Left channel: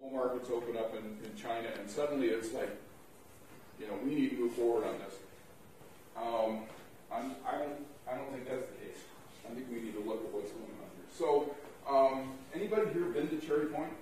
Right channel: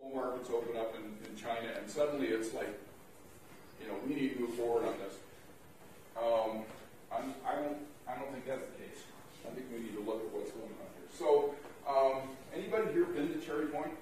Coal markets open up in China, and suddenly it's like, we need to move forward on this. I don't think that's the case. I think we need to look at what's going on here. So, anybody here been to Cherry Point?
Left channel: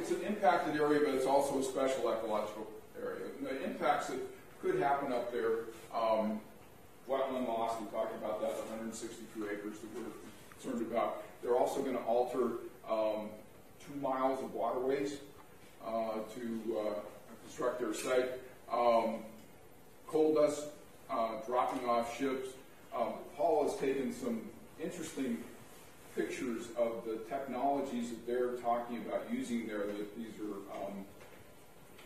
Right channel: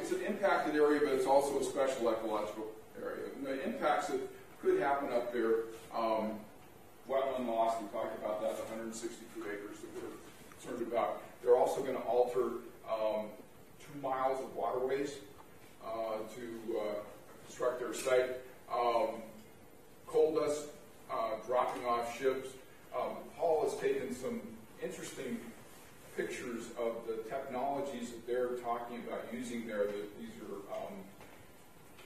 It's an impacted area, but it's also a special ecological area. And the impacts that could happen up there, wetland loss, we talked about that, 162 acres that we're concerned about. They're also going to alter 2 miles of waterways to construct their site. Coal dust dropping off ships. Paul has taken some interesting pictures of the technologies that they're talking about using there. These are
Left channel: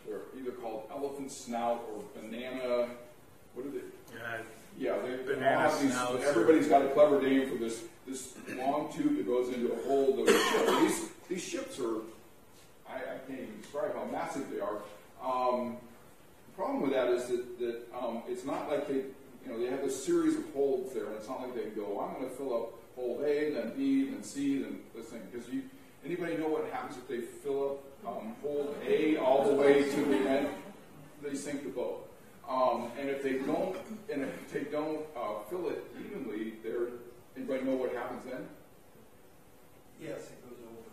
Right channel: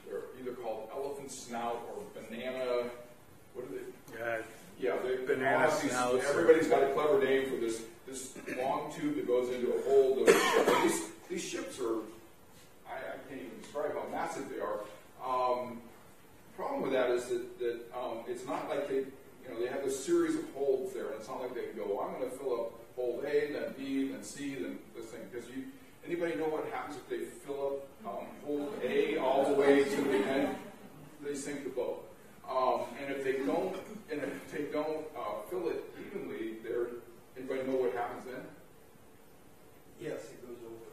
they're either called elephant snout or banana. What are they? Yeah, banana snout. Everybody's got a clever name for this long tube that goes into a hole. These ships are, I can't even describe how massive they are. The problem with that is that it's not like they have a series of holds there, and it's not like they can go, I'm going to fill up hold A, then B, then C, then this thing. Because anybody know what happens if they fill up hold A all the way to the end? They sink the boat. And if they don't fill it evenly, anybody know what happens then? Yes, it goes over.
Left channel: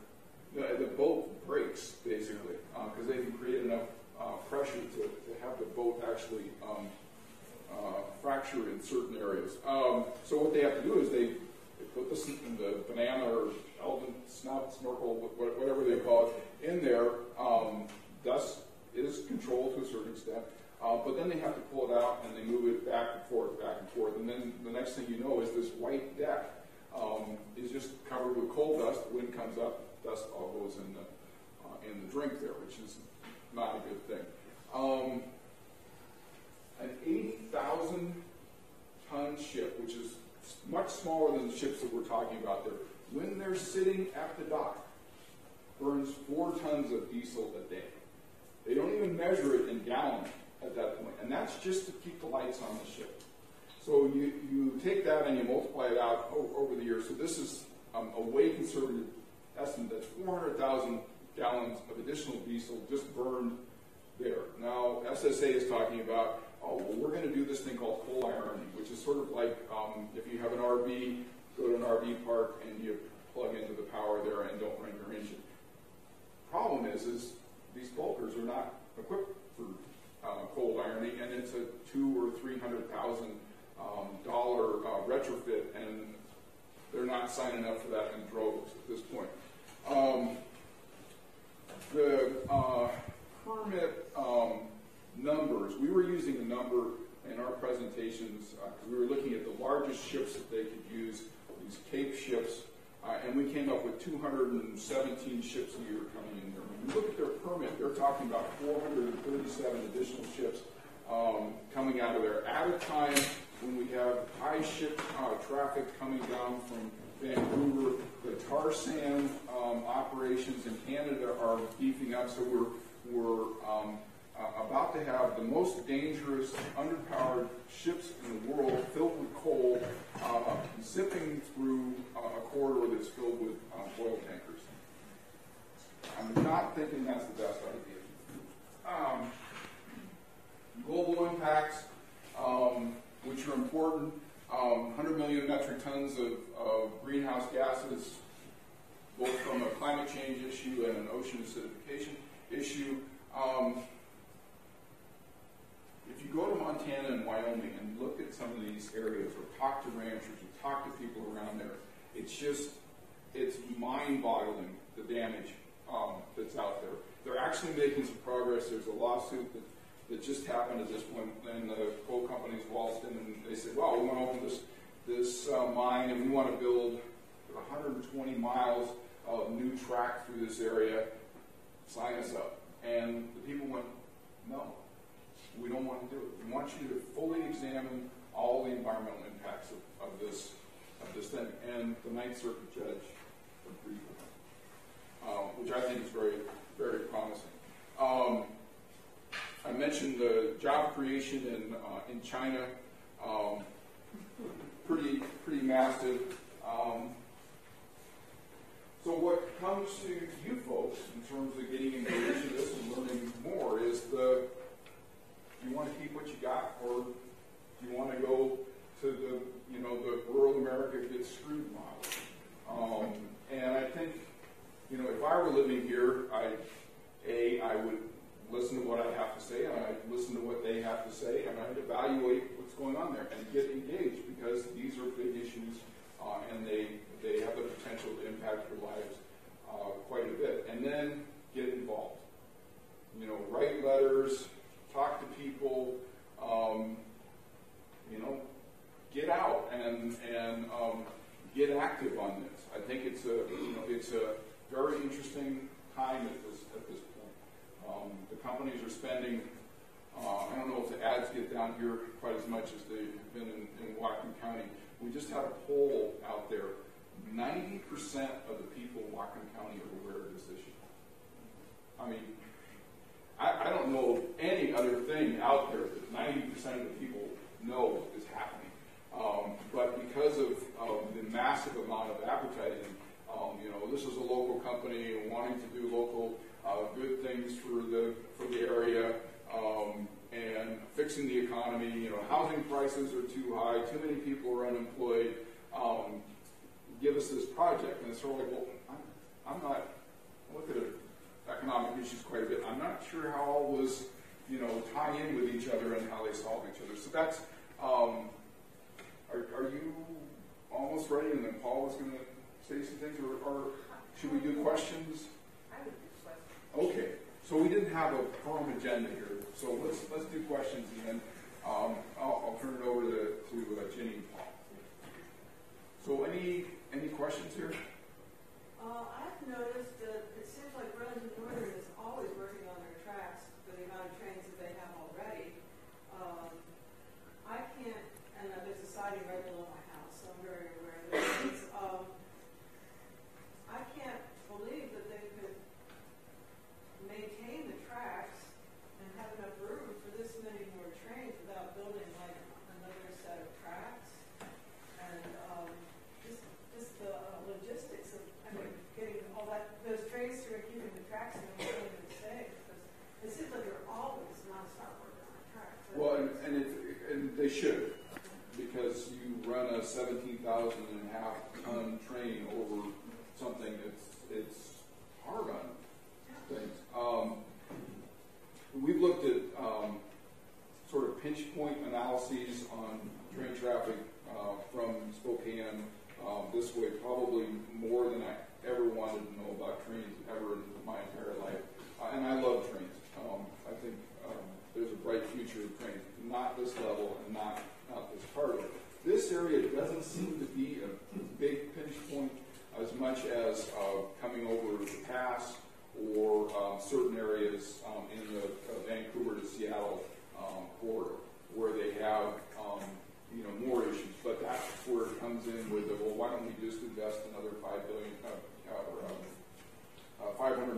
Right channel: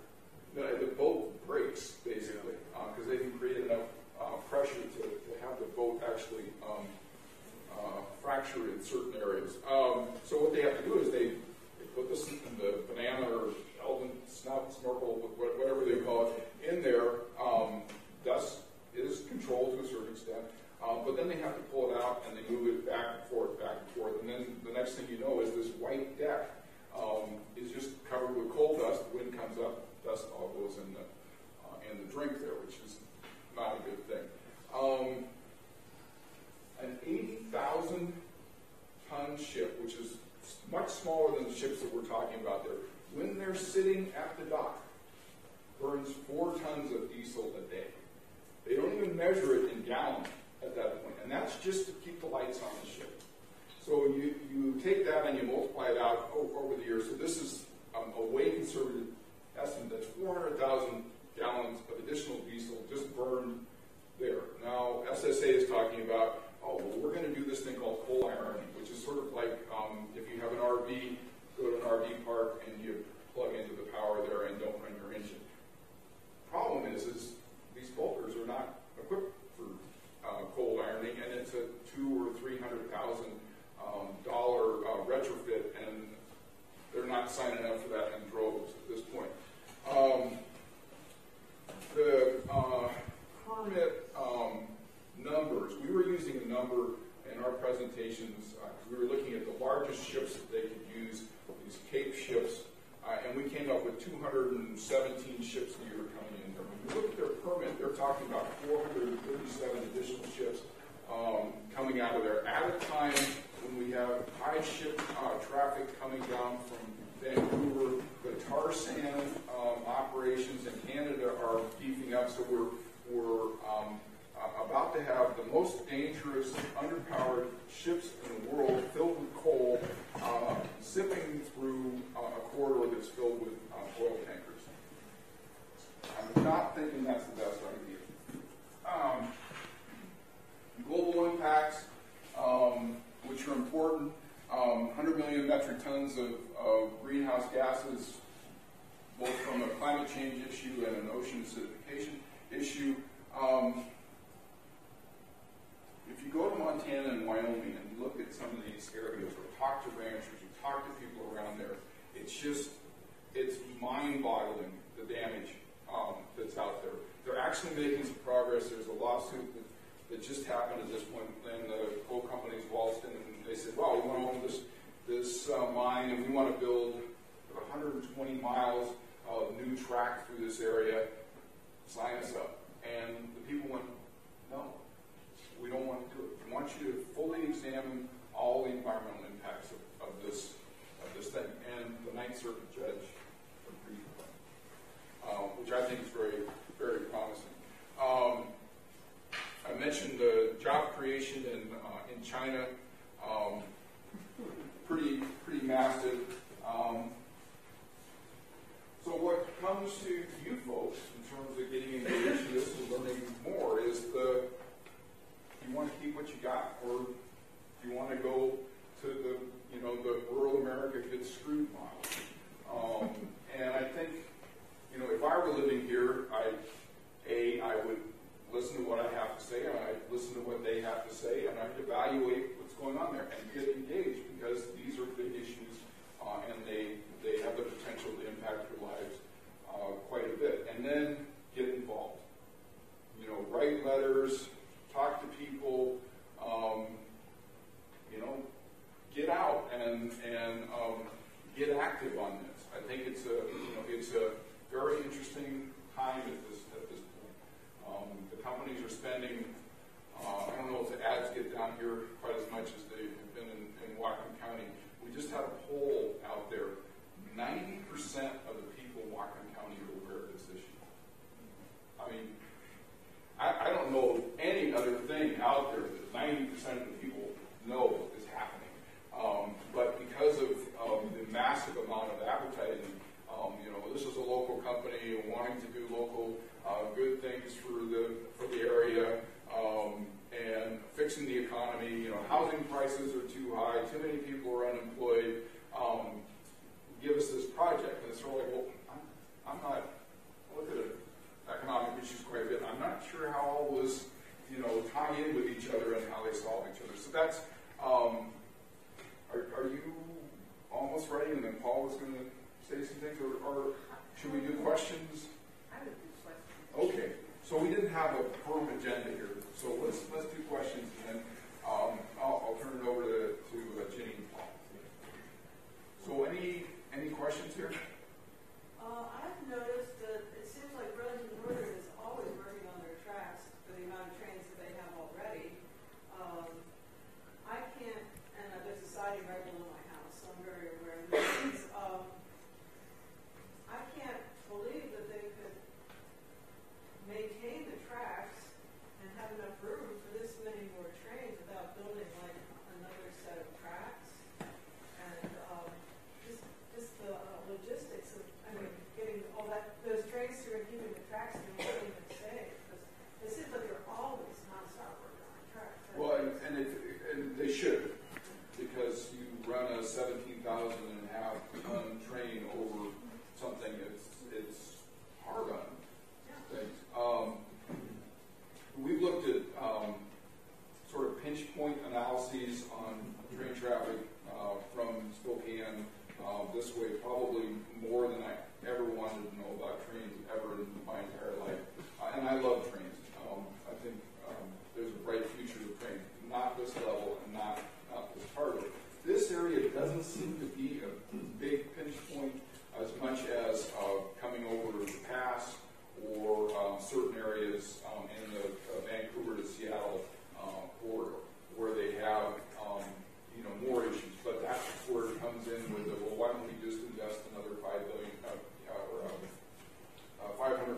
The boat breaks, basically, because they can create enough pressure to have the boat actually fractured in certain areas. So what they have to do is they put the banana or elephant snout, snorkel, whatever they call it, in there. Dust is controlled to a certain extent. But then they have to pull it out and they move it back and forth. And then the next thing you know is this white deck is just covered with coal dust. The wind comes up, dust all goes in the drink there, which is not a good thing. An 80,000 ton ship, which is much smaller than the ships that we're talking about there, when they're sitting at the dock, burns 4 tons of diesel a day. They don't even measure it in gallons at that point, and that's just to keep the lights on the ship. So you take that and you multiply it out over the years. So this is a way conservative estimate. That's 400,000 gallons of additional diesel just burned there. Now, SSA is talking about, we're going to do this thing called coal ironing, which is sort of like if you have an RV, go to an RV park and you plug into the power there and don't run your engine. Problem is these bulkers are not equipped for coal ironing, and it's a $200,000 or $300,000 retrofit, and they're not signing up for that in droves at this point. The permit numbers, we were using a number in our presentations because we were looking at the largest ships that they could use, these Cape ships, and we came up with 217 ships a year coming in there. When you look at their permit, they're talking about 437 additional ships coming out of there at a time when we have high ship traffic coming down from Vancouver. The tar sand operations in Canada are beefing up, so we're about to have the most dangerous underpowered ships in the world filled with coal zipping through a corridor that's filled with oil tankers. I'm not thinking that's the best idea. Global impacts, which are important, 100 million metric tons of greenhouse gases, both from a climate change issue and an ocean acidification issue. If you go to Montana and Wyoming and look at some of these areas, or talk to ranchers, you talk to people around there, it's mind-boggling, the damage that's out there. They're actually making some progress. There's a lawsuit that just happened at this point, and the coal companies waltzed in and they said, well, we want to own this mine, and we want to build 120 miles of new track through this area. Sign us up. And the people went, no. We don't want to do it. We want you to fully examine all the environmental impacts of this thing. And the Ninth Circuit judge agreed with that, which I think is very, very promising. I mentioned the job creation in China. pretty massive. So what comes to you folks in terms of getting engaged in this and learning more is you want to keep what you got, or you want to go to the rural America gets screwed model. And I think, if I were living here, I would listen to what I have to say, and I'd listen to what they have to say, and I'd evaluate what's going on there and get engaged, because these are big issues, and they have the potential to impact your lives quite a bit. And then get involved. Write letters, talk to people, get out and get active on this. I think it's a very interesting time at this point. The companies are spending. I don't know if the ads get down here quite as much as they have been in Whatcom County. We just had a poll out there. 90% of the people in Whatcom County are aware of this issue. I mean, I don't know any other thing out there that 90% of the people know is happening. But because of the massive amount of advertising, this is a local company wanting to do local good things for the area, and fixing the economy. Housing prices are too high, too many people are unemployed. Give us this project, and it's sort of like, well, I look at economic issues quite a bit. I'm not sure how all those, tie in with each other and how they solve each other. So that's, are you almost ready? And then Paul was going to say some things, or should we do questions? I would do questions. Okay. So we didn't have a firm agenda here, so let's do questions, and then I'll turn it over to Jenny and Paul. So any questions here? I've noticed that it seems like Burlington Northern is always working on their tracks for the amount of trains that they have already. I can't, and there's a siding right below my house, so I'm very aware of this. I can't believe that they could maintain the tracks and have enough room for this many more trains without building like another set of tracks. And just the logistics of getting all those trains through and keeping the tracks and maintaining them safe. It seems like they're always nonstop working on tracks. Right? Well, and they should, because you run a 17,500 ton train over something it's hard on things. We've looked at sort of pinch point analyses on train traffic from Spokane this way, probably more than I ever wanted to know about trains ever in my entire life. And I love trains. I think there's a bright future of trains. Not this level and not this part of it. This area doesn't seem to be a big pinch point as much as coming over the pass or certain areas in the Vancouver to Seattle corridor where they have more issues. But that's where it comes in with why don't we just invest another $500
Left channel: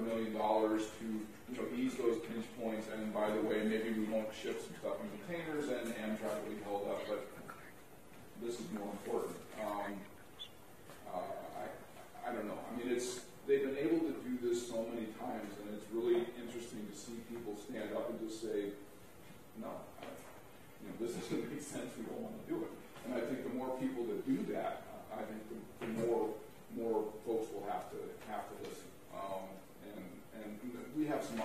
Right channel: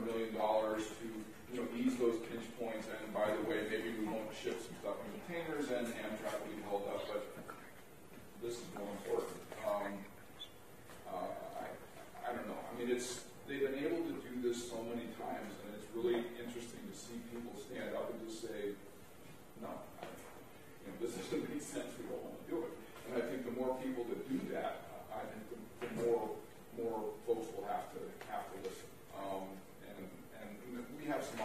million to ease those pinch points, and by the way, maybe we won't ship some stuff in containers and Amtrak will be held up, but this is more important. I don't know. I mean, they've been able to do this so many times, and it's really interesting to see people stand up and just say, no, this doesn't make sense, we don't want to do it. And I think the more people that do that, I think the more folks will have to listen. And we have some